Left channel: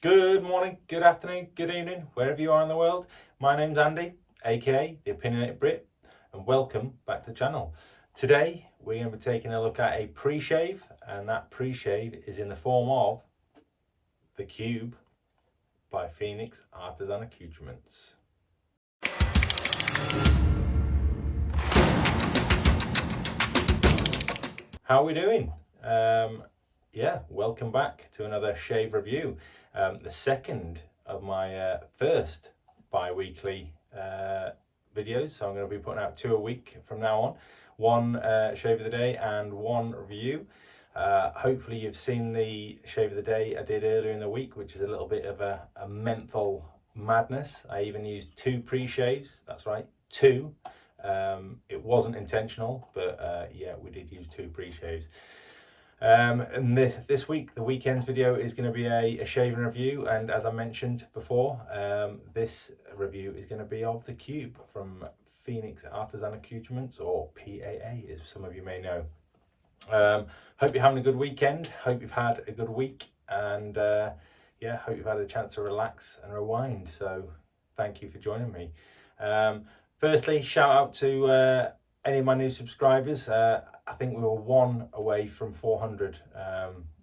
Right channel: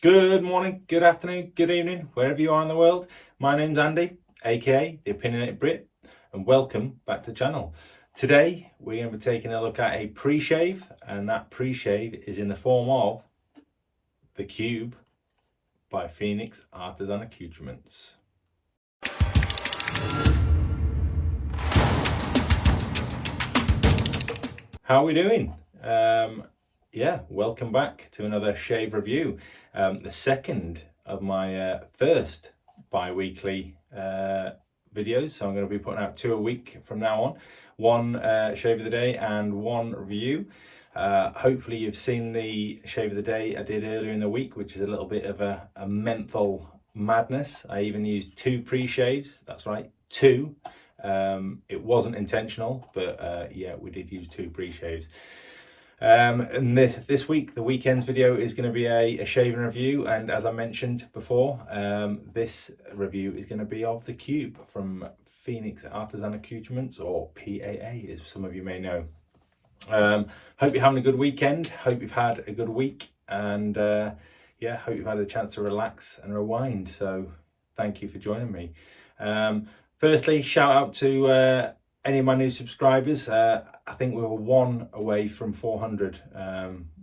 Good morning, good afternoon, good evening, wherever you are in the world. My name's Andy, aka the Opinionated Brit, and welcome back to the channel. Today we're going to be taking a look at a pre-shave, and that pre-shave is in the form of the Cube by Phoenix Artisan Accoutrements. How are we doing? Yeah, welcome back to another shave review. The second of my first bi-weekly videos. So I'm going to be putting out 2 a week from now on. One shave of the day and one review. Hopefully you've seen the shave of the day I did earlier in the week, which is a little bit of a menthol madness. I even used 2 pre-shaves. That's right, 2. It wasn't intentional, but yeah, we did use 2 pre-shaves. And this week, the weekend's video is going to be a shaving review, and as I mentioned before, this review is going to be of the Cube from Phoenix Artisan Accoutrements, or PAA, as some of you may know. Hope you're having a good weekend, hope you've had a good week, and yeah, hope you've had a chance to relax and rewind, so thank you for joining me. Firstly, shout out to any of my new subscribers. I think we were 1 away from 400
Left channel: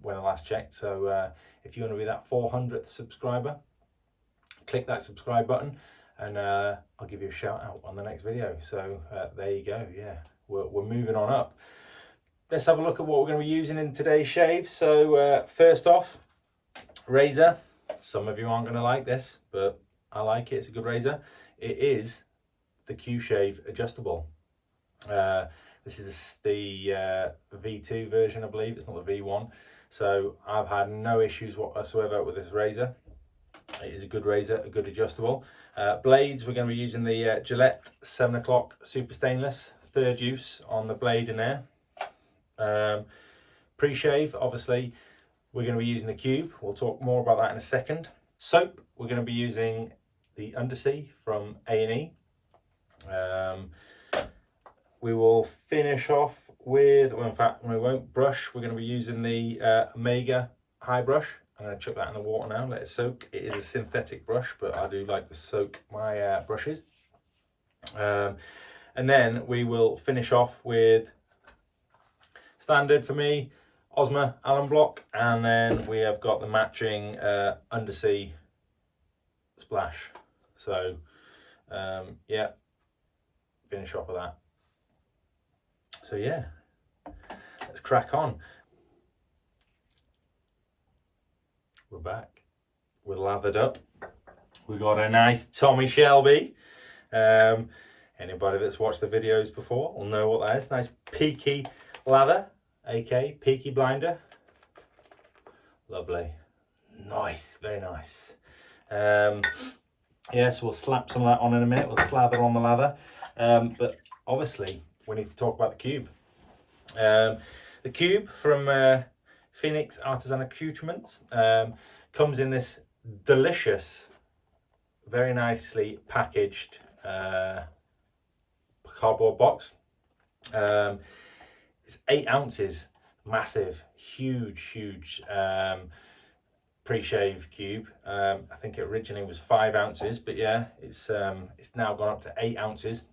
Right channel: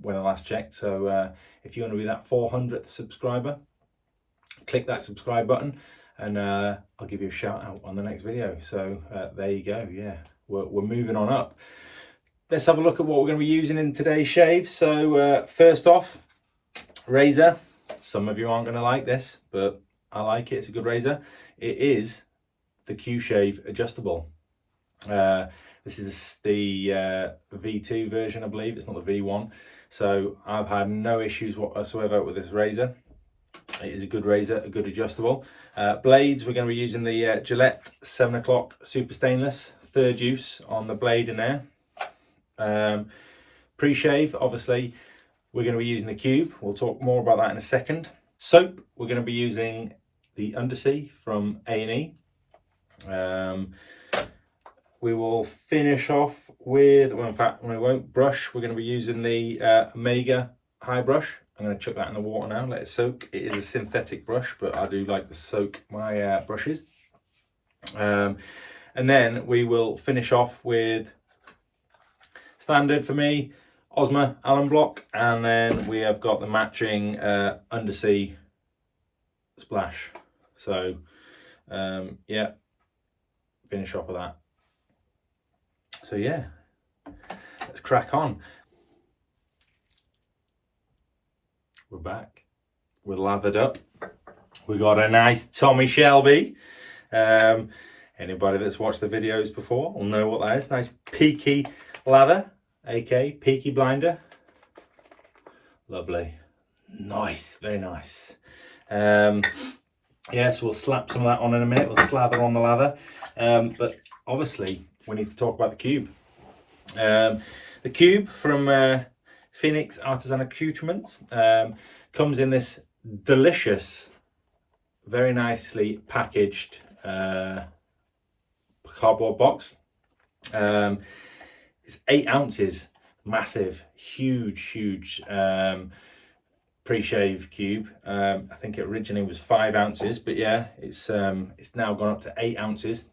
when I last checked. So if you want to be that 400th subscriber, click that subscribe button and I'll give you a shout out on the next video. So there you go. Yeah, we're moving on up. Let's have a look at what we're going to be using in today's shave. So first off, razor. Some of you aren't going to like this, but I like it. It's a good razor. It is the QShave adjustable. This is the V2 version, I believe. It's not the V1. So I've had no issues whatsoever with this razor. It is a good razor, a good adjustable. Blades, we're going to be using the Gillette 7 o'clock super stainless, 3rd use on the blade in there. Pre-shave, obviously, we're going to be using the Cube. We'll talk more about that in a second. Soap, we're going to be using the Undersea from E. We will finish off with, well, in fact, we won't brush. We're going to be using the Omega high brush. I'm going to chuck that in the water now, let it soak. It is a synthetic brush, but I do like to soak my brushes. And then we will finish off with, standard for me, Osmo Allen block, and then we have got the matching Undersea splash. So yeah, finish off with that. So yeah, let's crack on. We're back. We're lathered up. We got a nice Tommy Shelby. Anybody that's watched the videos before will know what that is. Nice peaky lather, aka peaky blinder. Lovely. Nice, very nice. Yes, we'll slap some of that on in a minute. We'll slather on the lather. But obviously, we need to talk about the Cube. The Cube from Phoenix Artisan Accoutrements comes in this delicious, very nicely packaged cardboard box. It's 8 ounces, massive, huge pre-shave Cube. I think it originally was 5 ounces, but yeah, it's now gone up to 8 ounces.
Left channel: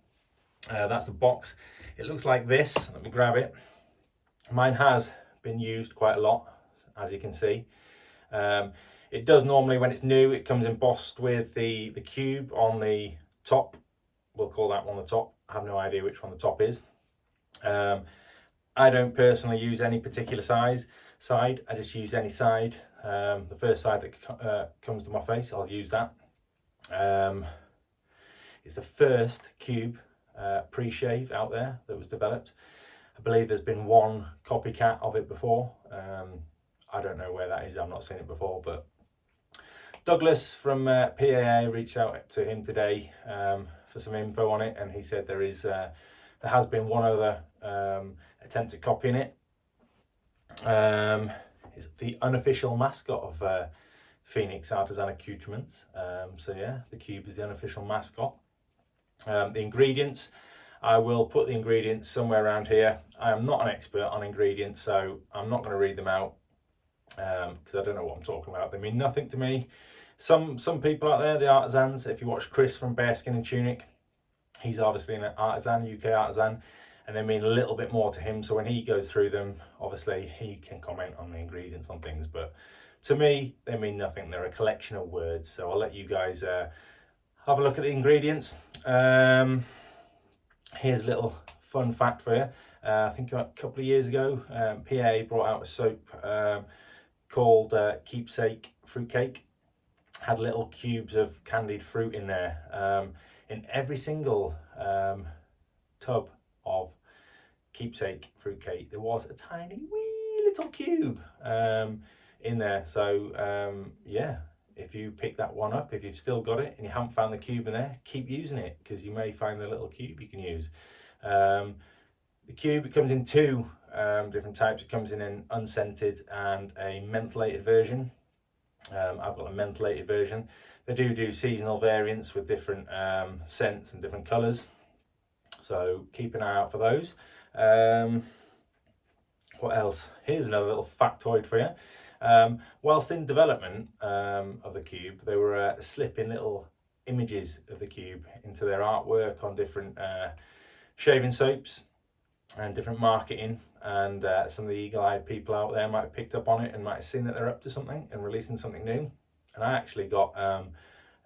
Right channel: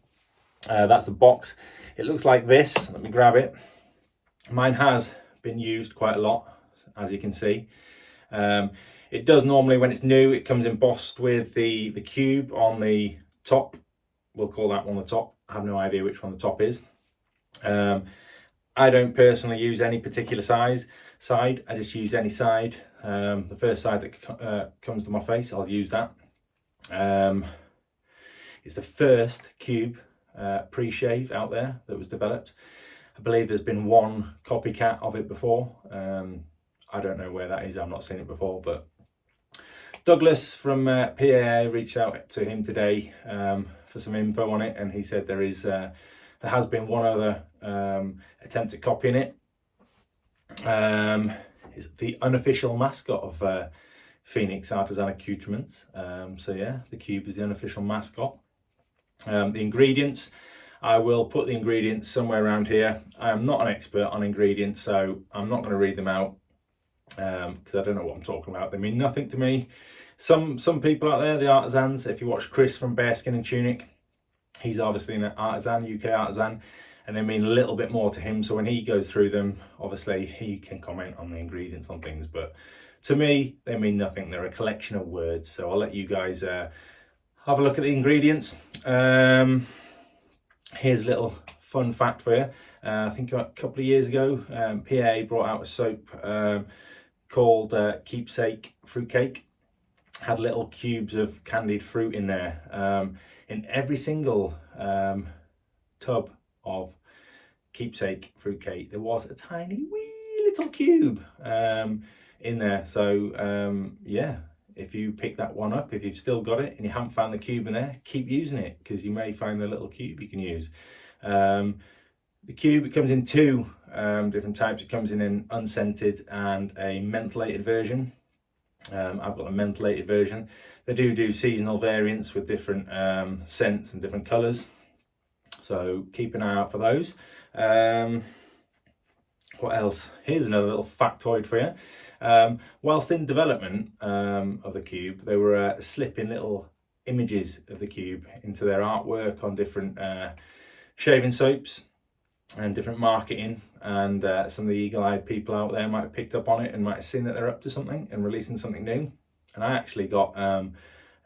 That's the box. It looks like this. Let me grab it. Mine has been used quite a lot, as you can see. It does normally, when it's new, it comes embossed with the Cube on the top. We'll call that one the top. I have no idea which one the top is. I don't personally use any particular side. I just use any side. The first side that comes to my face, I'll use that. It's the first Cube pre-shave out there that was developed. I believe there's been one copycat of it before. I don't know where that is. I've not seen it before, but Douglas from PAA reached out to him today for some info on it, and he said there has been one other attempt at copying it. It's the unofficial mascot of Phoenix Artisan Accoutrements. So yeah, the Cube is the unofficial mascot. The ingredients, I will put the ingredients somewhere around here. I am not an expert on ingredients, so I'm not going to read them out. because I don't know what I'm talking about. They mean nothing to me. Some people out there, the artisans, if you watch Chris from Bearskin and Tunic, he's obviously an artisan, UK artisan, and they mean a little bit more to him. So when he goes through them, obviously he can comment on the ingredients on things, but to me, they mean nothing. They're a collection of words. So I'll let you guys have a look at the ingredients. Here's a little fun fact for you. I think a couple of years ago, PA brought out a soap called Keepsake Fruitcake. Had little cubes of candied fruit in there. In every single tub of Keepsake Fruitcake, there was a tiny wee little cube in there. So yeah, if you pick that one up, if you've still got it and you haven't found the cube in there, keep using it, because you may find a little cube you can use. The cube, it comes in two different types. It comes in an unscented and a mentholated version. I've got a mentholated version. They do seasonal variants with different scents and different colours, so keep an eye out for those. What else? Here's another little factoid for you. Whilst in development of the cube, they were slipping little images of the cube into their artwork on different shaving soaps and different marketing, and some of the eagle-eyed people out there might have picked up on it and might have seen that they're up to something and releasing something new. And I actually got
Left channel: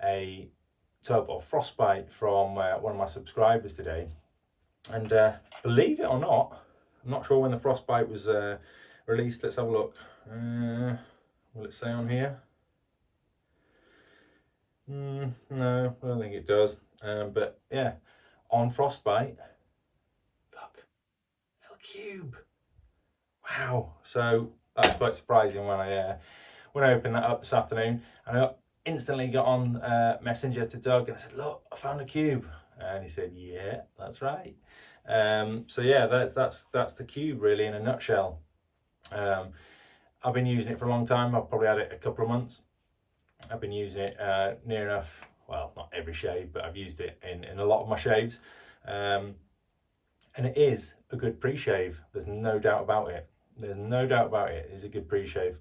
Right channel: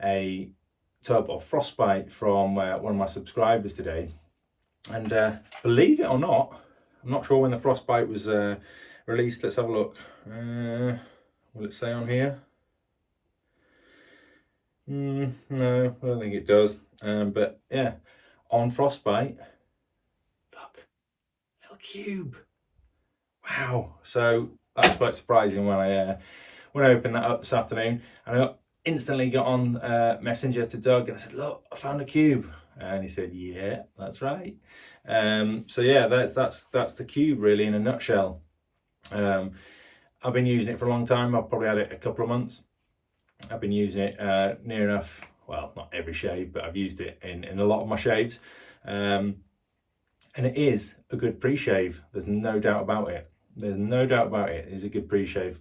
a tub of Frostbite from one of my subscribers today, and believe it or not, I'm not sure when the Frostbite was released. Let's have a look. Will it say on here? No, I don't think it does. But yeah, on Frostbite, look, little cube. Wow. So that's quite surprising when I opened that up this afternoon, and I instantly got on Messenger to Doug and I said, look, I found a cube. And he said, yeah, that's right. So yeah, that's the cube really in a nutshell. I've been using it for a long time. I've probably had it a couple of months. I've been using it near enough, well, not every shave, but I've used it in a lot of my shaves. And it is a good pre-shave. There's no doubt about it. There's no doubt about it. It's a good pre-shave.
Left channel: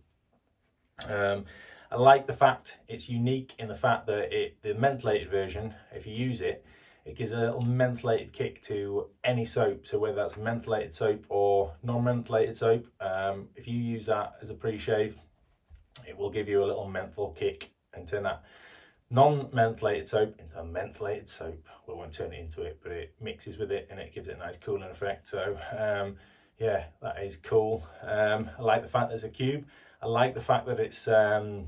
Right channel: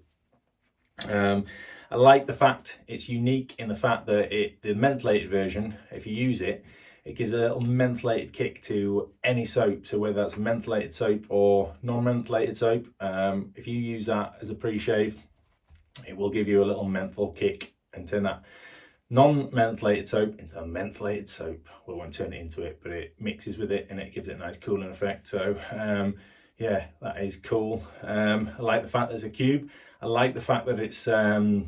I like the fact it's unique in the fact that the mentholated version, if you use it, it gives a little mentholated kick to any soap. So whether that's mentholated soap or non-mentholated soap, if you use that as a pre-shave, it will give you a little menthol kick and turn that non-mentholated soap into a mentholated soap. We won't turn it into it, but it mixes with it and it gives it a nice cooling effect. So yeah, that is cool. I like the fact that it's a cube. I like the fact that it's 8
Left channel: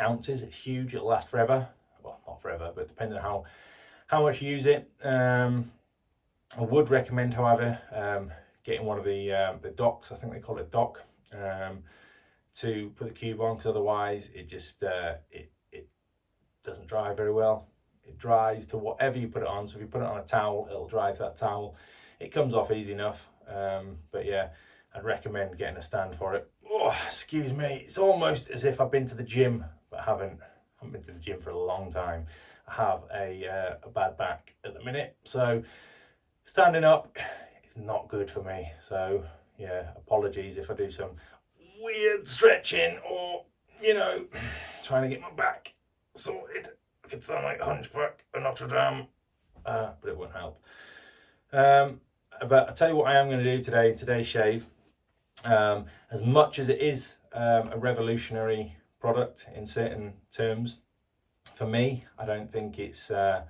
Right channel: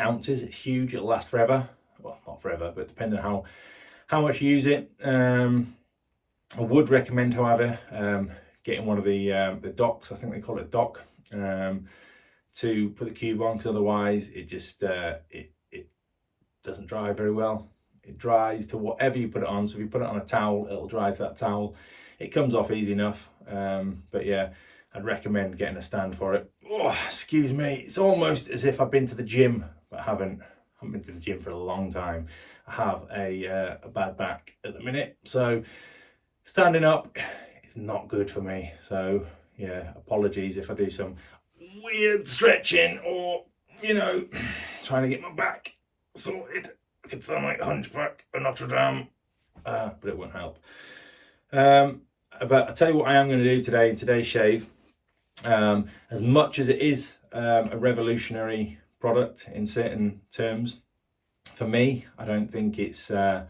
ounces. It's huge. It'll last forever. Well, not forever, but depending on how much you use it. I would recommend, however, getting one of the docks. I think they call it a dock, to put the cube on, because otherwise it just it doesn't dry very well. It dries to whatever you put it on. So if you put it on a towel, it'll dry to that towel. It comes off easy enough. But yeah, I'd recommend getting a stand for it. Oh, excuse me. It's almost as if I've been to the gym, but I haven't been to the gym for a long time. I have a bad back at the minute, so standing up is not good for me. So yeah, apologies if I do some weird stretching or, you know, trying to get my back sorted. I could sound like a hunchback of Notre Dame, but it won't help. But I'll tell you what I am going to do today in today's shave. As much as it is a revolutionary product in certain terms, for me, I don't think it's no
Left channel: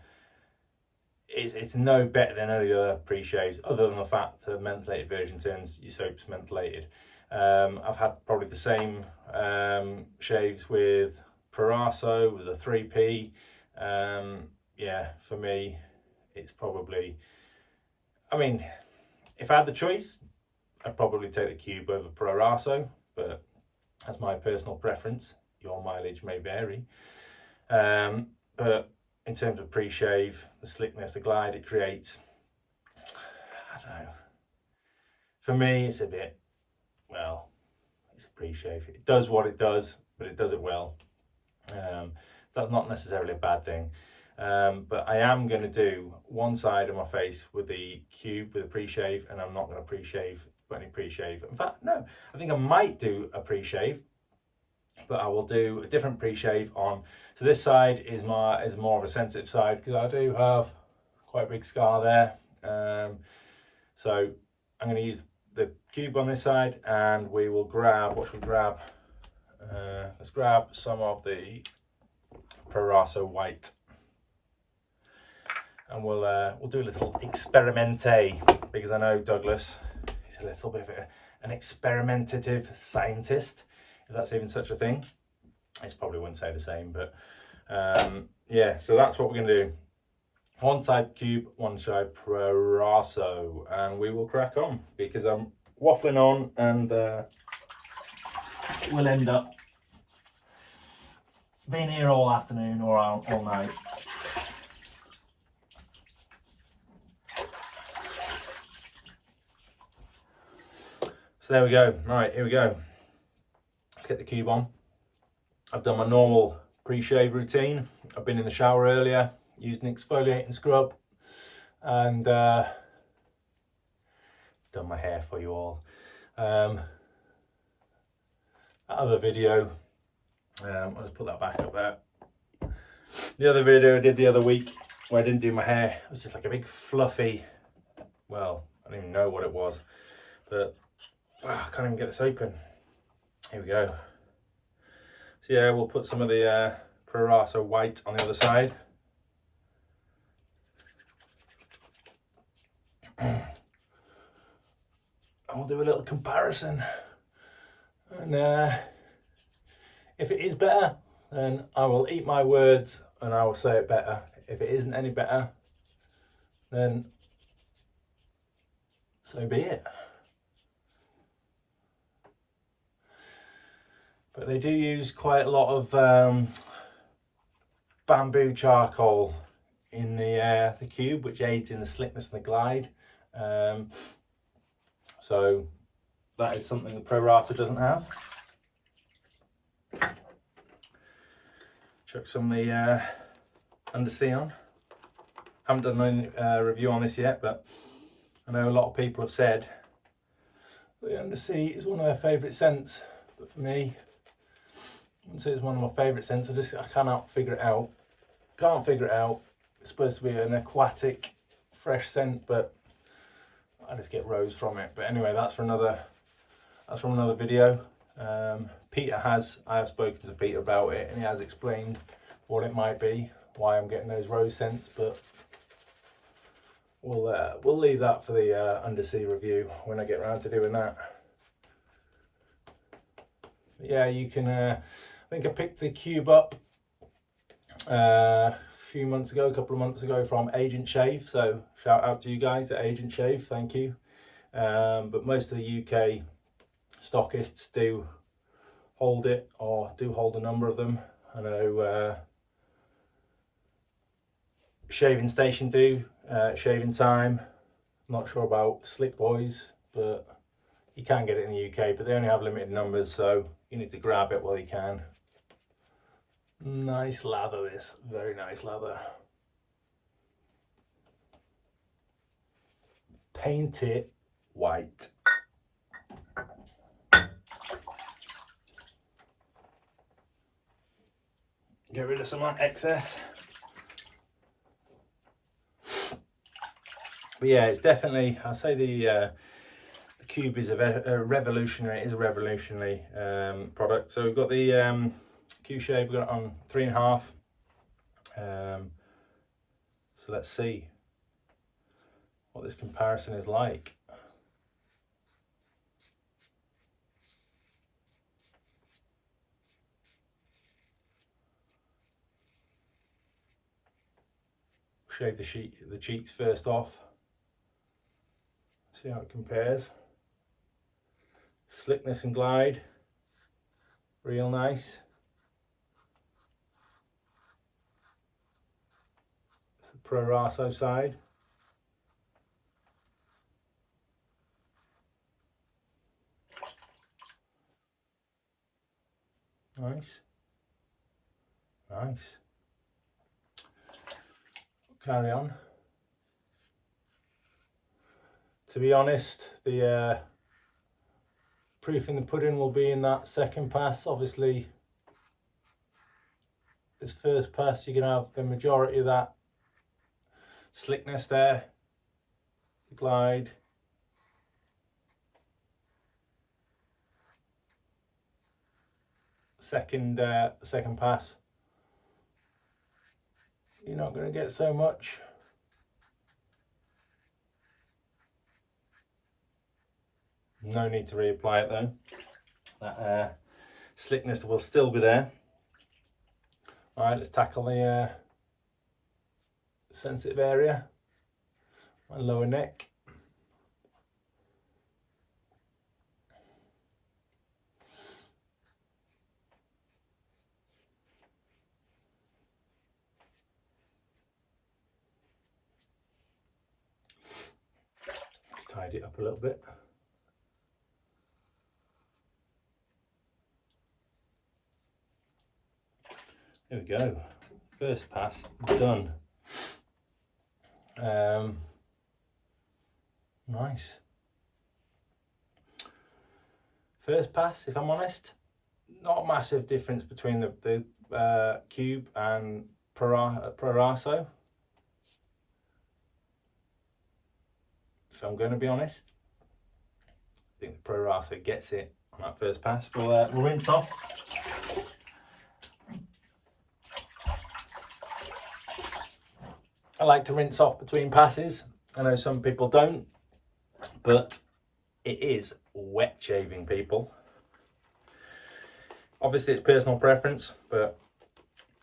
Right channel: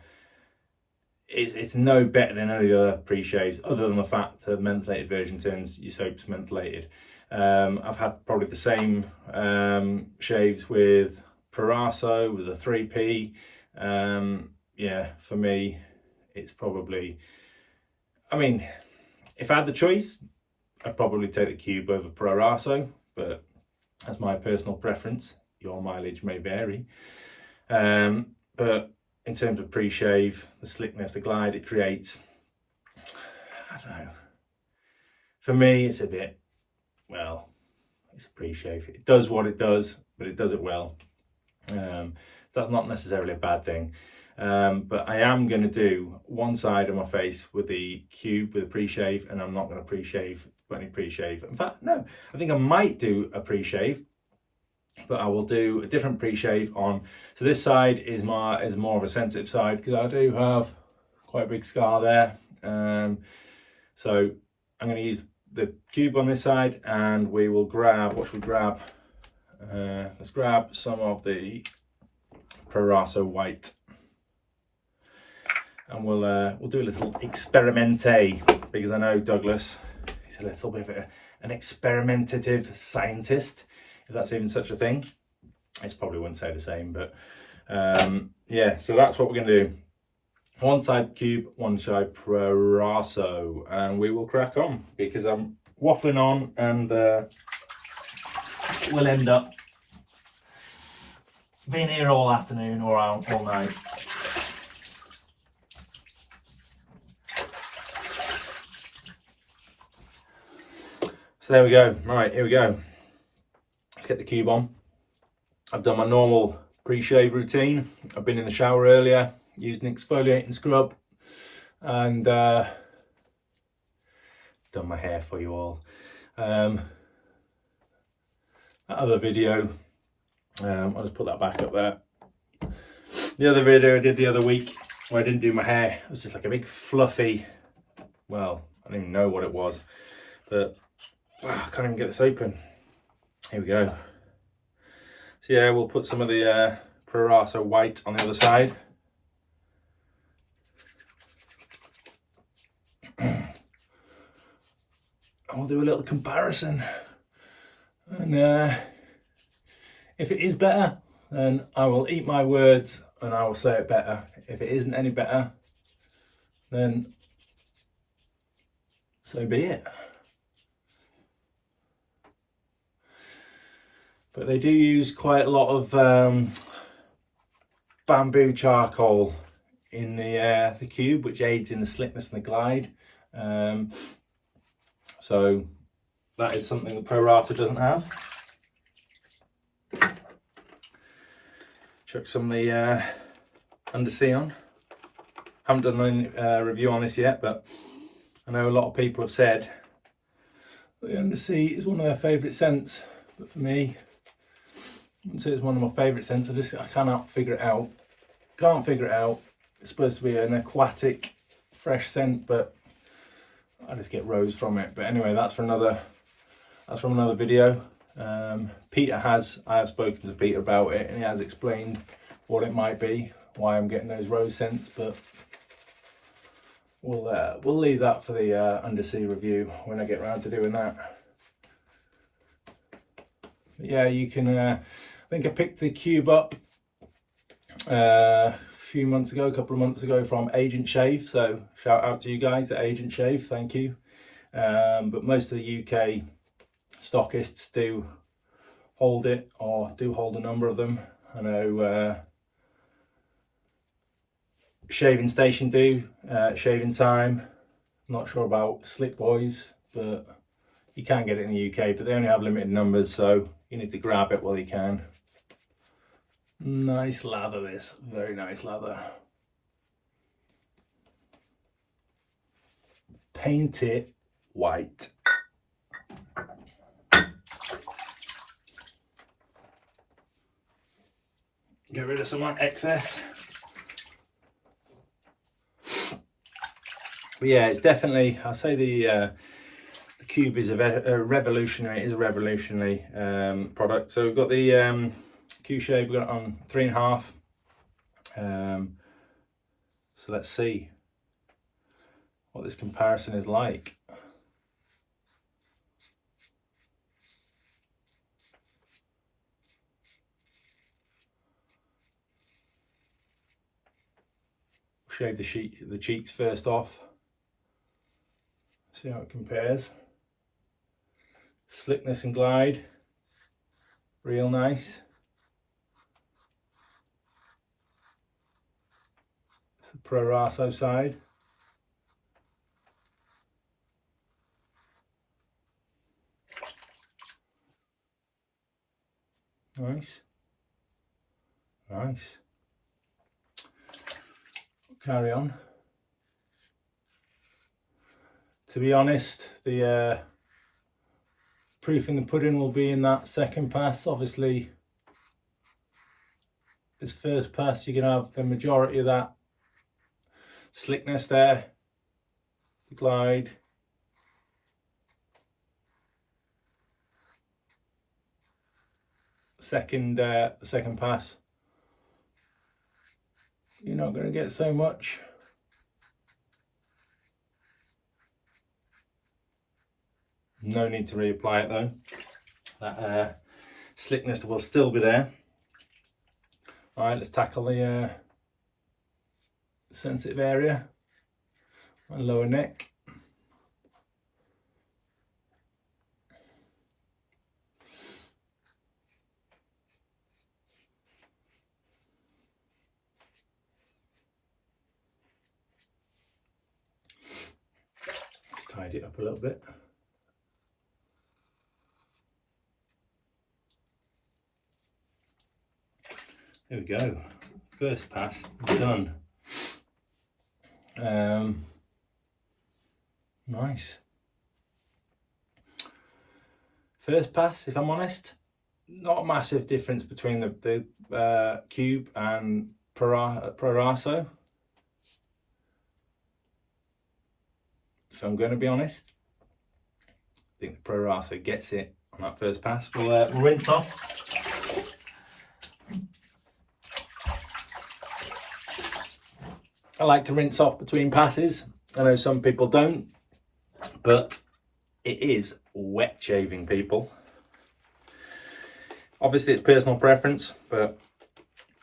better than any other pre-shaves, other than the fact the mentholated version turns your soaps mentholated. I've had probably the same shaves with Proraso, with a 3P. Yeah, for me, it's probably, I mean, if I had the choice, I'd probably take the cube over Proraso, but that's my personal preference. Your mileage may vary. But in terms of pre-shave, the slickness, the glide it creates, I don't know. For me, it's a bit, well, it's a pre-shave. It does what it does, but it does it well. So that's not necessarily a bad thing. But I am going to do one side of my face with the cube with a pre-shave, and I'm not going to put any pre-shave. In fact, no, I think I might do a pre-shave but I will do a different pre-shave on. So this side is more of a sensitive side because I do have quite a big scar there. So I'm going to use the cube on this side, and we will grab, what should we grab? Let's grab some of the Proraso white, and we'll do a little experimente, because I know Douglas, he's a little bit of an experimentative scientist, if that's even such a thing. I probably wouldn't say the same, but yeah, so that's what we're going to do. One side cube, one side Proraso, and we will crack on, because I'm waffling on, and we'll end up being here all afternoon or all night. So there we go. Right, here we go. Let's get the cube on. I've done my normal pre-shave routine. I've been in the shower earlier, used an exfoliating scrub, and done my hair for you all. That other video, I'll just put that back up there. The other video I did the other week where I didn't do my hair, it was just like a big fluffy, well, I don't even know what it was, but wow, I can't even get this open. Here we go. So yeah, we'll put some of the Proraso white on the other side. I'll do a little comparison, and if it is better, then I will eat my words and I will say it better. If it isn't any better, then so be it. But they do use quite a lot of bamboo charcoal in the cube, which aids in the slickness and the glide. So that is something that Proraso doesn't have. Chuck some of the undersea on. Haven't done any review on this yet, but I know a lot of people have said the undersea is one of their favourite scents. But for me, I wouldn't say it's one of my favourite scents. I cannot figure it out. Can't figure it out. It's supposed to be an aquatic, fresh scent, but I just get rose from it. But anyway, that's from another video. I have spoken to Peter about it, and he has explained what it might be, why I'm getting those rose scents, but we'll leave that for the undersea review when I get around to doing that. But yeah, you can I think I picked the cube up a couple of months ago from Agent Shave, so shout out to you guys at Agent Shave, thank you. But most of the UK stockists do hold it, or do hold a number of them. I know Shaving Station do, Shaving Time. I'm not sure about Slick Boys, but you can get it in the UK, but they only have limited numbers, so you need to grab it while you can. Nice lather, this, very nice lather. Paint it white. Get rid of some excess. But yeah, it's definitely, I'll say the cube is a revolutionary. It is a revolutionary product. So we've got the QShave. We've got it on 3.5. So let's see what this comparison is like. Shave the cheeks first off. See how it compares. Slickness and glide, real nice. It's the Proraso side. Nice, nice. Carry on. To be honest, the proof in the pudding will be in that second pass. Obviously, this first pass, you're going to have the majority of that slickness there. Glide. Second pass, you're not going to get so much. No need to reapply it though. That slickness will still be there. All right, let's tackle the sensitive area, my lower neck. Tidy it up a little bit. There we go. First pass done. Nice. First pass, if I'm honest, not a massive difference between the Cube and Proraso. So I'm going to be honest, I think the Proraso gets it on that first pass. We'll rinse off. I like to rinse off between passes. I know some people don't, but it is wet shaving, people. Obviously it's personal preference, but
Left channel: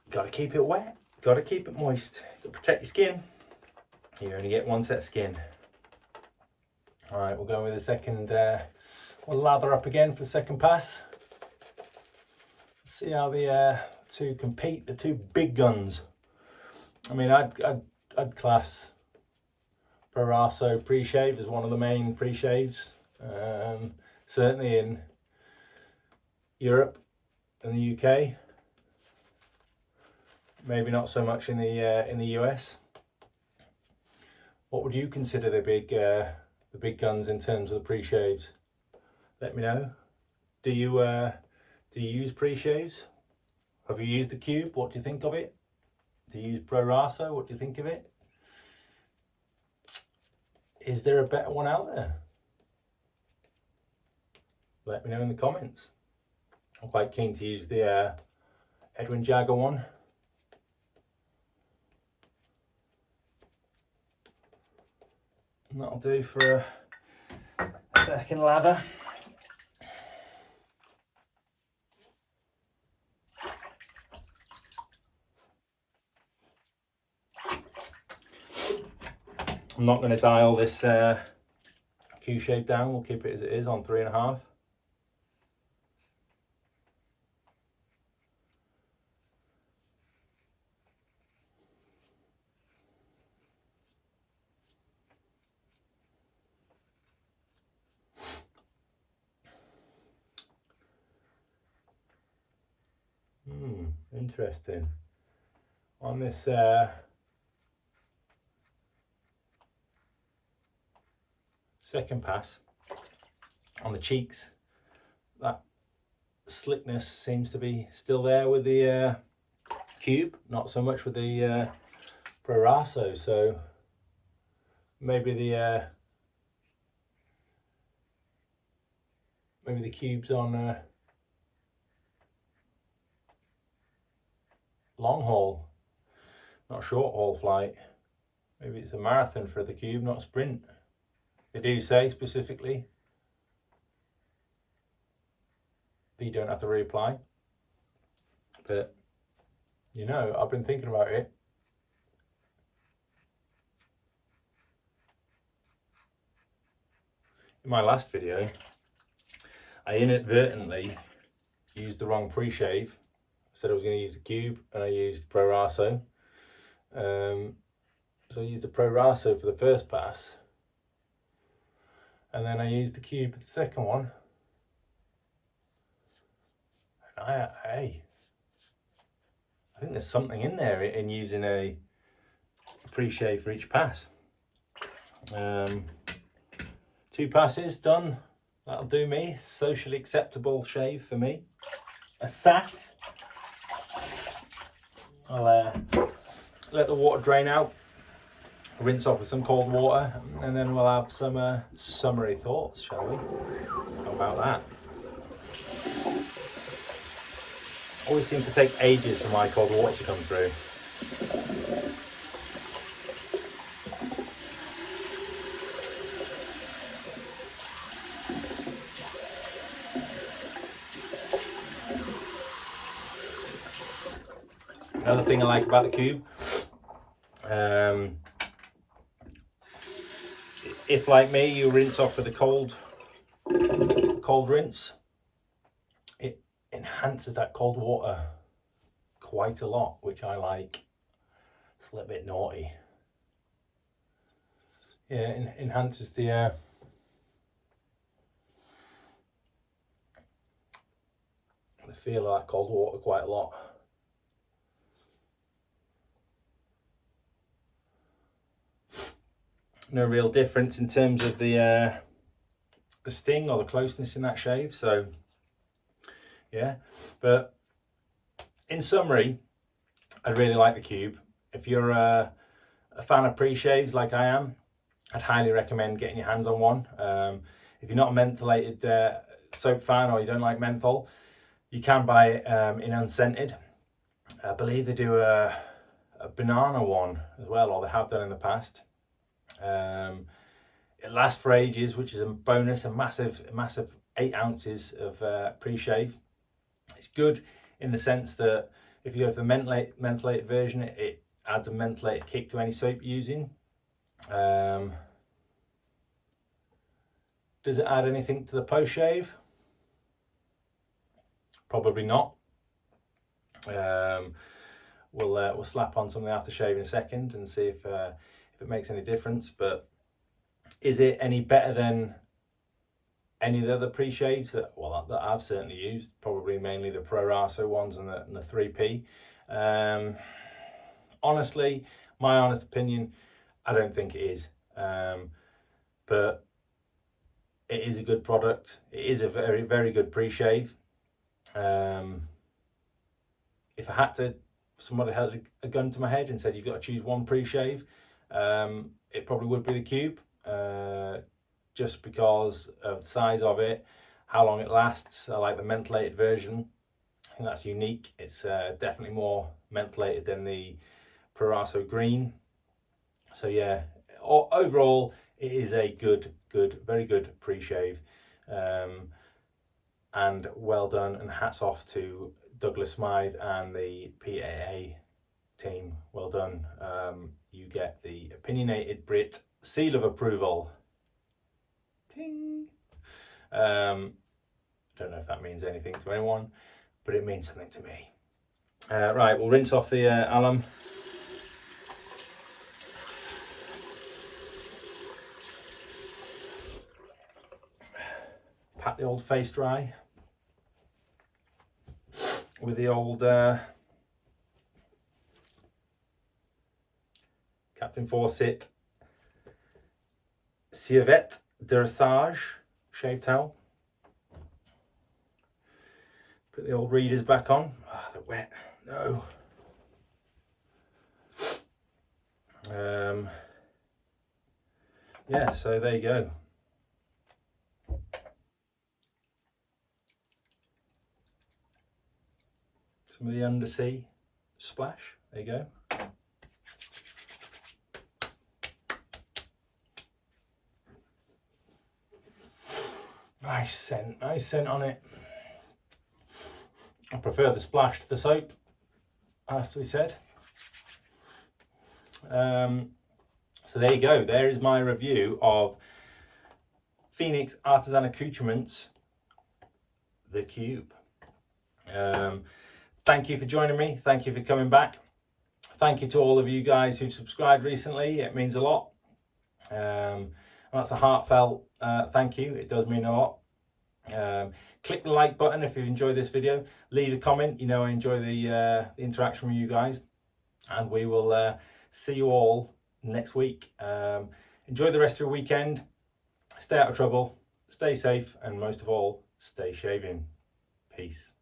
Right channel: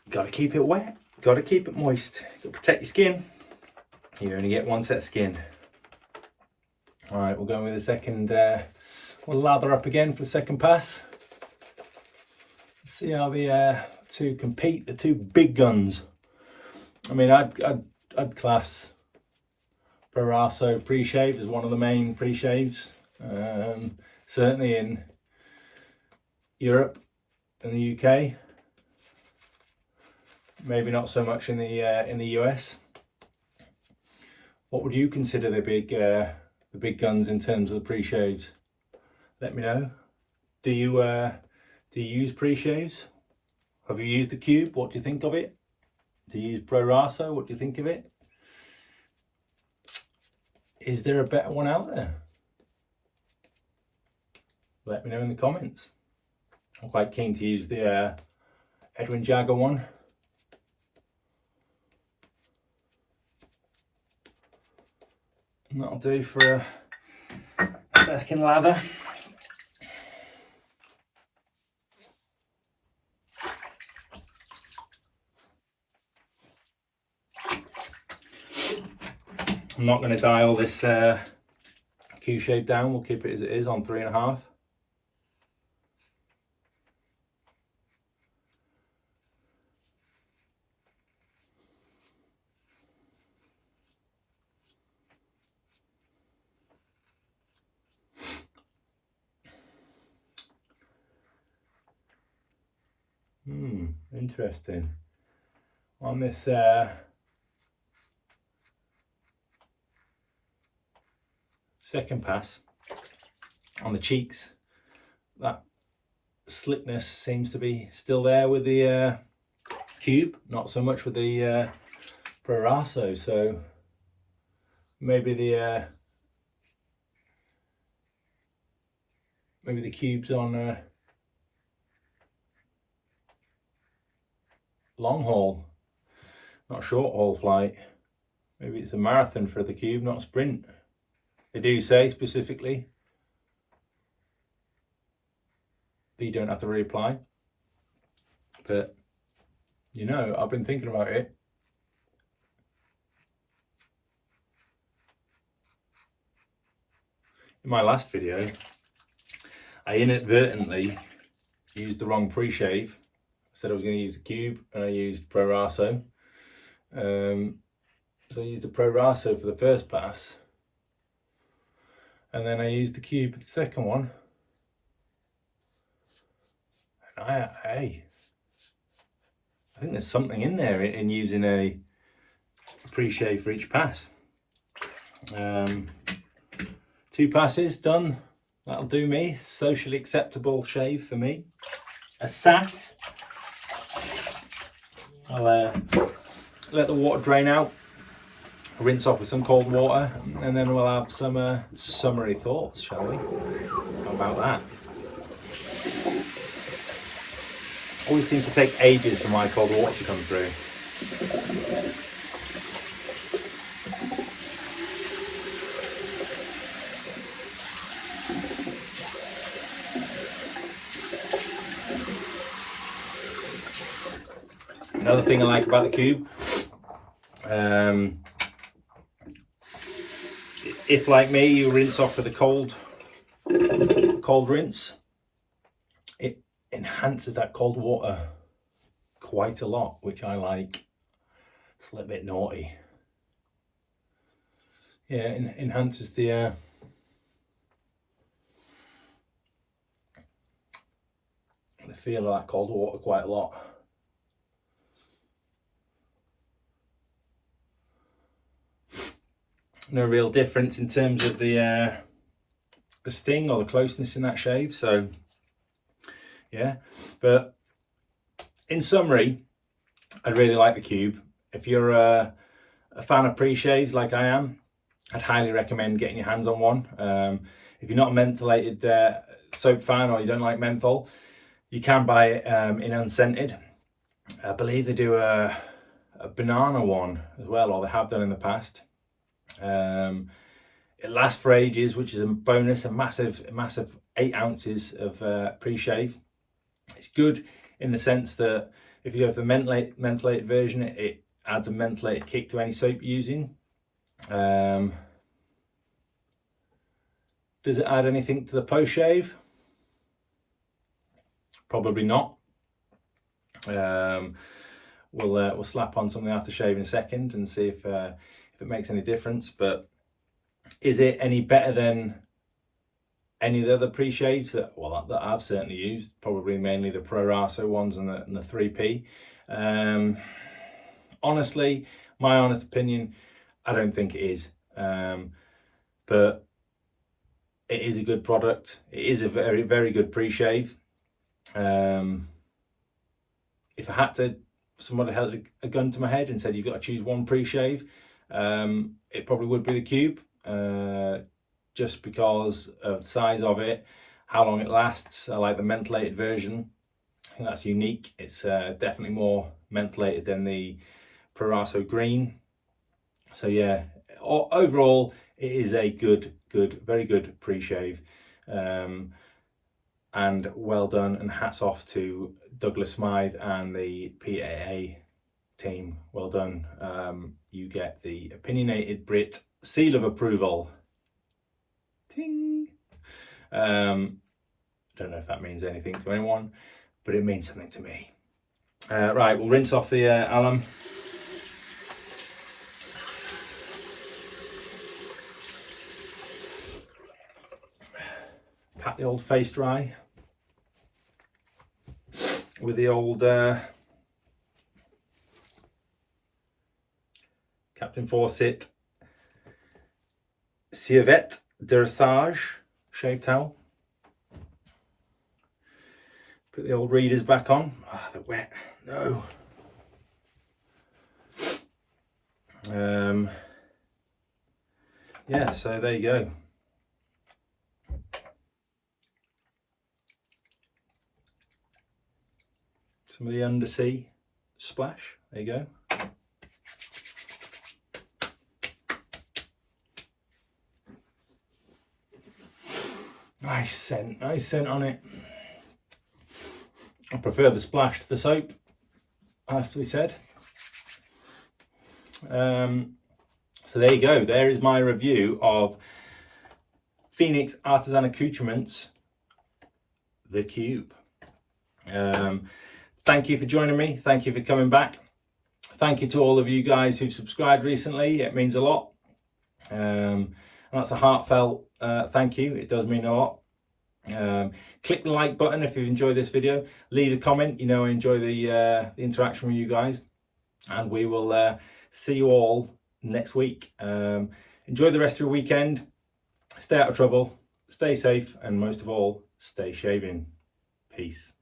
got to keep it wet, got to keep it moist, got to protect your skin. You only get one set of skin. All right, we'll go with the second, we'll lather up again for the second pass. Let's see how the two compete, the two big guns. I mean, I'd class Proraso pre-shave as one of the main pre-shaves. Certainly in Europe and the UK. Maybe not so much in the US. What would you consider the big guns in terms of the pre-shaves? Let me know. Do you use pre-shaves? Have you used the Cube? What do you think of it? Do you use Proraso? What do you think of it? Is there a better one out there? Let me know in the comments. I'm quite keen to use the Edwin Jagger one. And that'll do for a second lather. I'm not going to dial this QShave down. We'll keep it as it is on 3.5. Interesting. On this second pass, on the cheeks, that slickness seems to be still there with the Cube, not so much with the Proraso. So maybe the Cube's on long haul, not short haul flight. Maybe it's a marathon for the Cube, not a sprint. They do say specifically that you don't have to reapply, but you know, I've been thinking about it. In my last video, I inadvertently used the wrong pre-shave. I said I was going to use the Cube and I used Proraso. So I used the Proraso for the first pass. And then I used the Cube for the second one. And I think there's something in there in using a pre-shave for each pass. 2 passes done. That'll do me. Socially acceptable shave for me. A sass. I'll let the water drain out, rinse off with some cold water, and then we'll have some summary thoughts, shall we? How about that? Always seems to take ages for my cold water to come through. Another thing I like about the cube, if like me you rinse off with a cold rinse, it enhances that cold water quite a lot, which I like. It's a little bit naughty. Yeah, it enhances the feel of that cold water quite a lot. No real difference in terms of the sting or the closeness in that shave, so yeah. But in summary, I really like the cube. If you're a fan of pre-shaves like I am, I'd highly recommend getting your hands on one. If you're not a mentholated soap fan, or you don't like menthol, you can buy it in unscented. I believe they do a banana one as well, or they have done in the past. It lasts for ages, which is a bonus. A massive 8 ounces of pre-shave. It's good in the sense that if you go for the mentholated version, it adds a mentholated kick to any soap you're using. Does it add anything to the post-shave? Probably not. We'll slap on some of the aftershave in a second and see if it makes any difference. But is it any better than any of the other pre-shaves that I've certainly used? Probably mainly the Proraso ones and the 3P. Honestly, my honest opinion, I don't think it is. But it is a good product. It is a very good pre-shave. If I had to, somebody held a gun to my head and said you've got to choose one pre-shave, it probably would be the cube, just because of the size of it, how long it lasts. I like the mentholated version. I think that's unique. It's definitely more mentholated than the Proraso green. So yeah, overall it is a very good pre-shave, and well done, and hats off to Douglas Smythe and the PAA team. Well done. You get the Opinionated Brit seal of approval. Ting. Don't know if that means anything to anyone, but it means something to me. Right, we'll rinse off the alum. Pat the old face dry with the old Captain Fawcett Civet Dressage shave towel. Put the old readers back on. Ah, they're wet. No. Yeah, so there you go. Some of the undersea splash. There you go. Nice scent on it. I prefer the splash to the soap, I have to be said. So there you go. There is my review of Phoenix Artisan Accoutrements, the Cube. Thank you for joining me. Thank you for coming back. Thank you to all of you guys who've subscribed recently. It means a lot. And that's a heartfelt thank you. It does mean a lot. Click the like button if you've enjoyed this video. Leave a comment. You know I enjoy the interaction with you guys. And we will see you all next week. Enjoy the rest of your weekend. Stay out of trouble. Stay safe. And most of all, stay shaving. Peace.